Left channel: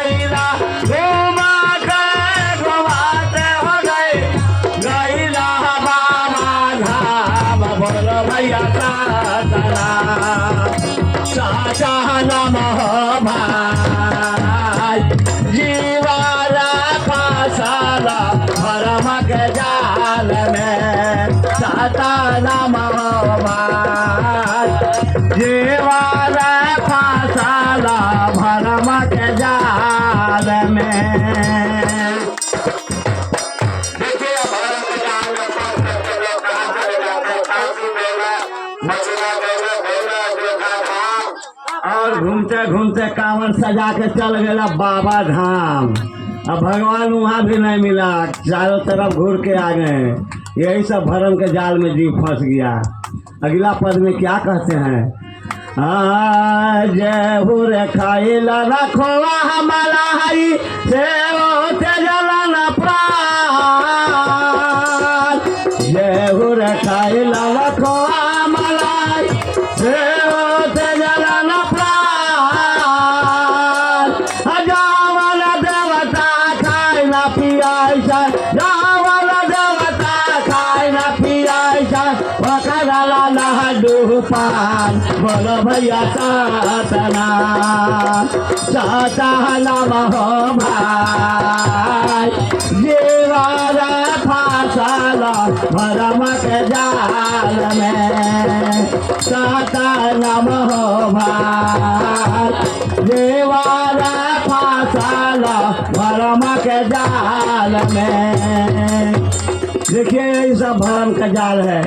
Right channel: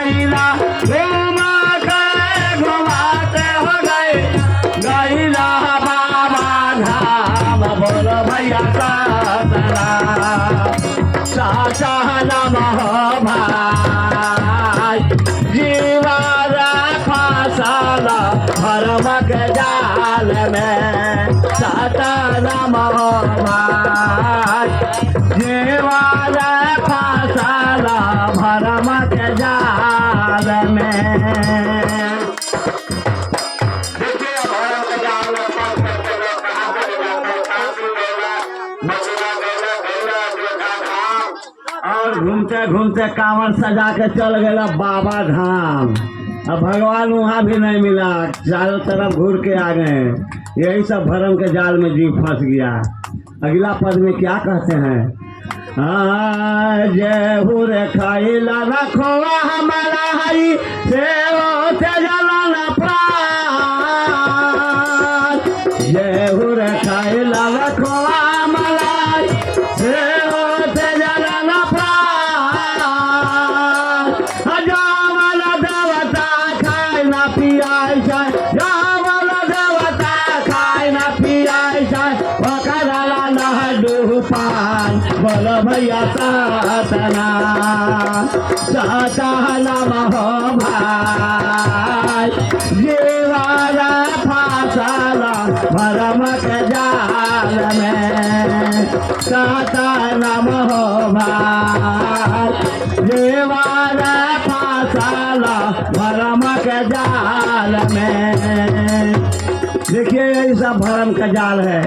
गैला घुमा के घुमाते हो गए गैला बाबा धाम बोलो भैया साचना भाई जीवन फसला भरम के जाल में सातना भाई जीवन फसला भरम के जाल में। और घूमते घूमते कांवर सजा के चल गया बाबा धाम। अब भगवान वहाँ भी नहीं मिला, चारों तरफ घूर के आ गए। यही सब भरम के जाल में जीव फंस गया। अगला पद में क्या कहते हैं? जय हो रे खाइला रखोवा हमारा हई से जला प्राण। जय हो रे खाइला रखोवा हमारा से जला प्राण। जावल देवता खाए ना पियाई जाए, जावल देवता खाए ना पियाई जाए, वकराला लड्डू पान बोलो भैया सातना सातना हो भाई जीवन फसला भरम के जाल में सातना हो भाई जीवन फसला भरम के जाल में। देखिए यही सब भरम का जाल है।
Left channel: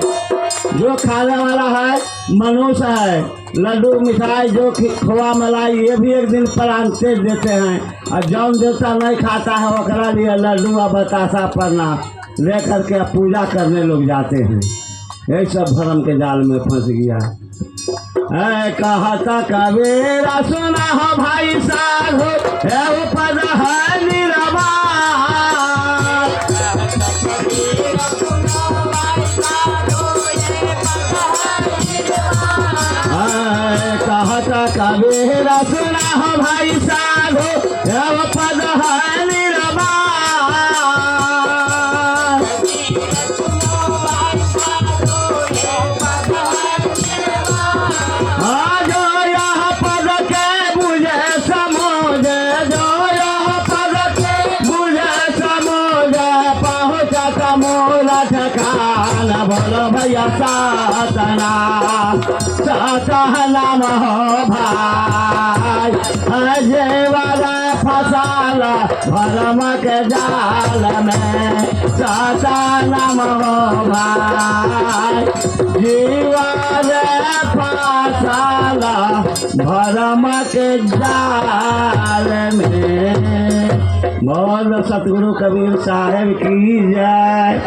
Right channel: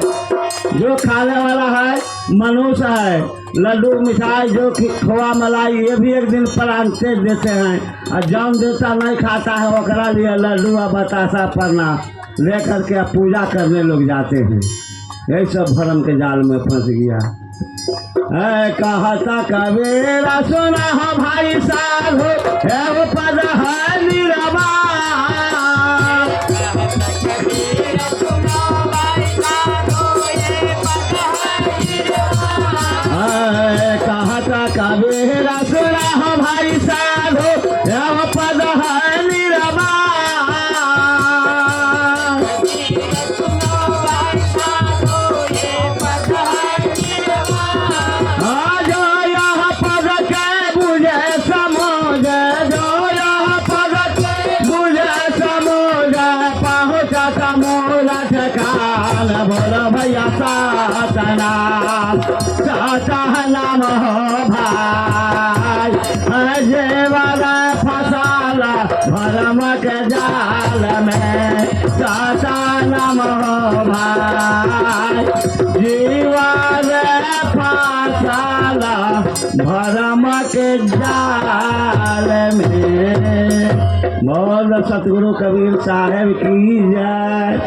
जो खाने वाला है मनुष्य है, लड्डू मिठाई जो खोआ मलाई ये भी एक दिन प्रांते देते हैं। और जौन देवता नहीं खाता है वकरा लिए लड्डू और बतासा पन्ना लेकर के पूजा करने लोग जाते हैं। यही सब भरम के जाल में फंस गया है। कहता कबीरा सुना हो भाई साधु है पद है निरवा। कहता कबीरा सुना हो भाई साधु है पद है निरवा। जो यह पद के बुझे समझ, जो यह पद के बुझे समझ पहुँच समूल ठिकान बोलो भैया सातना सातना हो भाई जीवन फसला भरम के जाल में सातना हो भाई जीवन फसला भरम के जाल में। बोलो सतगुरु कबीर साहेब की जय।